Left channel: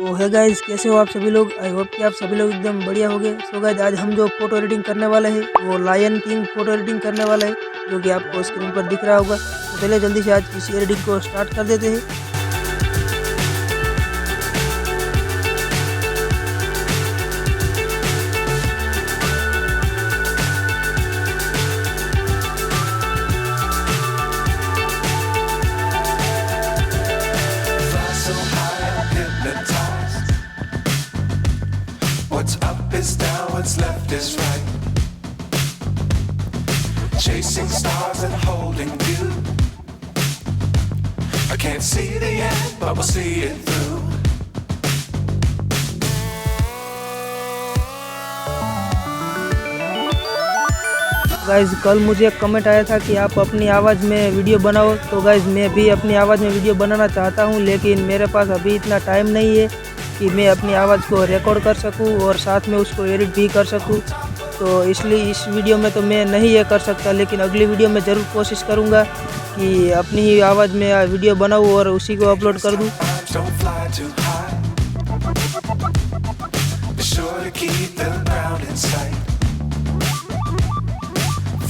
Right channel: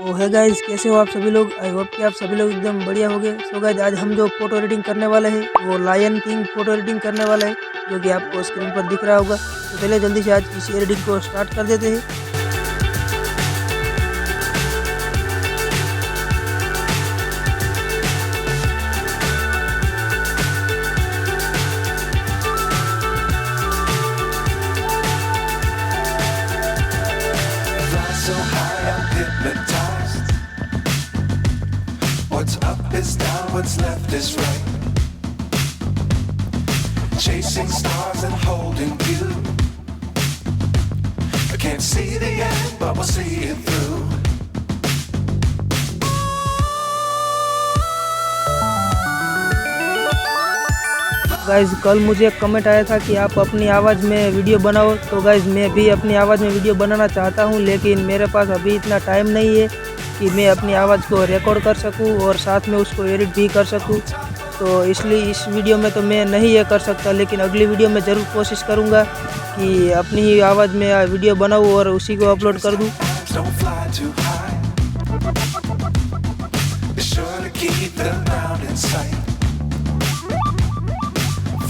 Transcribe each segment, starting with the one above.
तो है गाइज, कैसे हो आप सभी लोग। आई होप कि आप सभी लोग एकदम बढ़िया हो गए। सो गाइज, आज हम जो फोटो एडिटिंग करने वाले हैं वो लायन किंग फोटो एडिटिंग करने वाला है, जो कि आपको स्क्रीन पर दिख रहा होगा। तो चलिए जल्दी से आज की इस एडिटिंग को स्टार्ट कर देते हैं। Fly so high, I'm hypnotized. What's up is down, what's left is right. Chasing stars and holding you. I can't see the end, but we'll see it through. Guys, कल मुझे एक comment आया था कि आप अपनी आवाज़ में वीडियो बनाओ। तो गाइज, मैं भी अपनी आवाज़ में वीडियो बनाना चाहता हूं, लेकिन मेरे पास अभी इतना टाइम नहीं है कि मैं अपनी आवाज़ को रिकॉर्ड कर सकूं और साथ में उसको एडिट भी कर सकूं। तो इसलिए इस वीडियो में तो मैं नहीं ये कर सकता, लेकिन अगली वीडियो में ज़रूर कोशिश करूँगा कि अपनी ही आवाज़ में वीडियो बनाऊँ और उसी को अपलोड कर दूँ। Don't fly too high. Be sure to keep the ground in sight.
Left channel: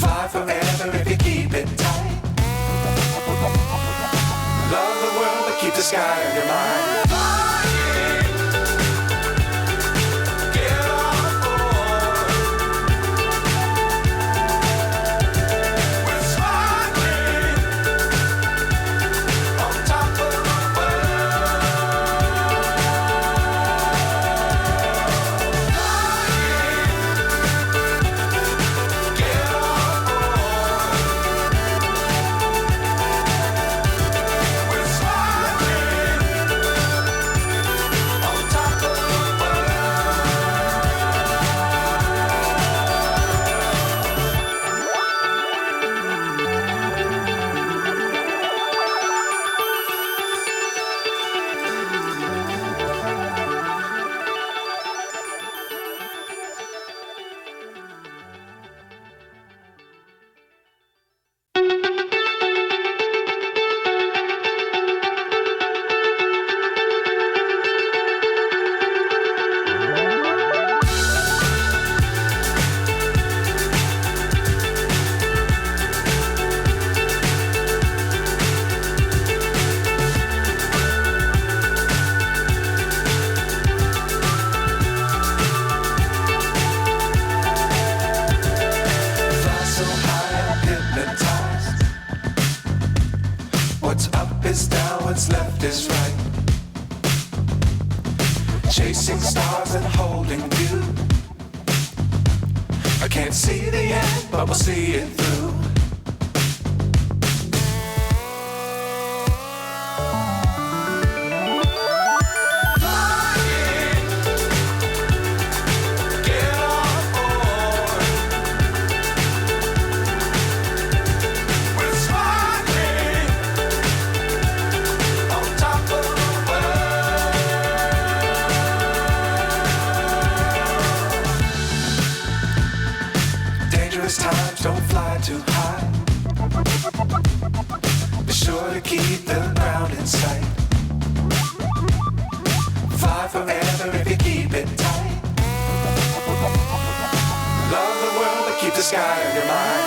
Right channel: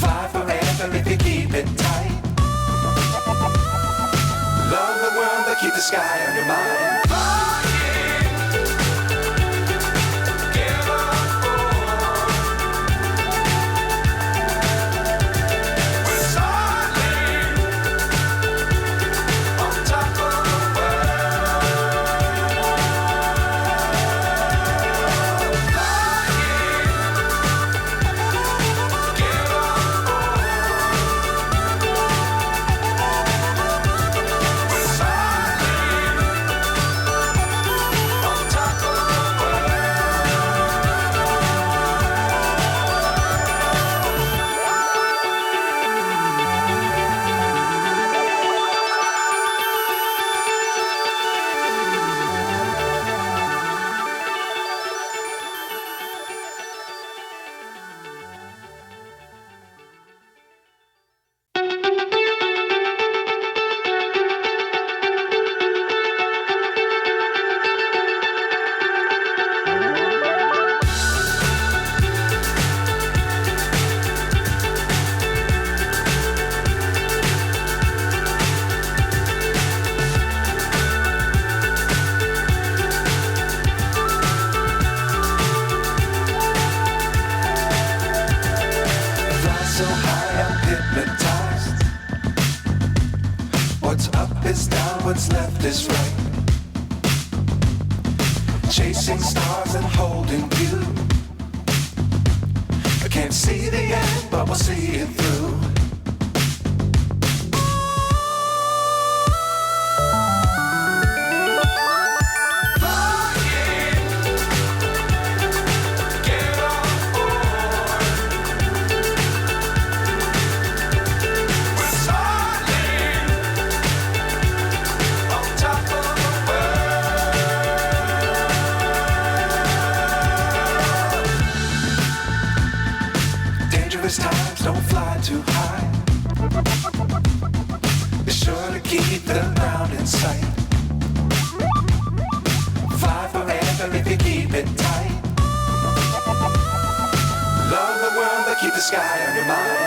Fly forever if you keep it tight. Love the world, but keep the sky on your mind. Get on board. We're soaring on top of the world. Get on board. We're soaring on top of the world. Fly so high, I'm hypnotized. What's up is down, what's left is right. Chasing stars and holding you. I can't see the end, but we'll see it through. Flying, get on board. We're soaring on top of the world. Dangerous times, don't fly too high. Be sure to keep the ground in sight. Fly forever if you keep it tight. Love the world, but keep the sky on your mind.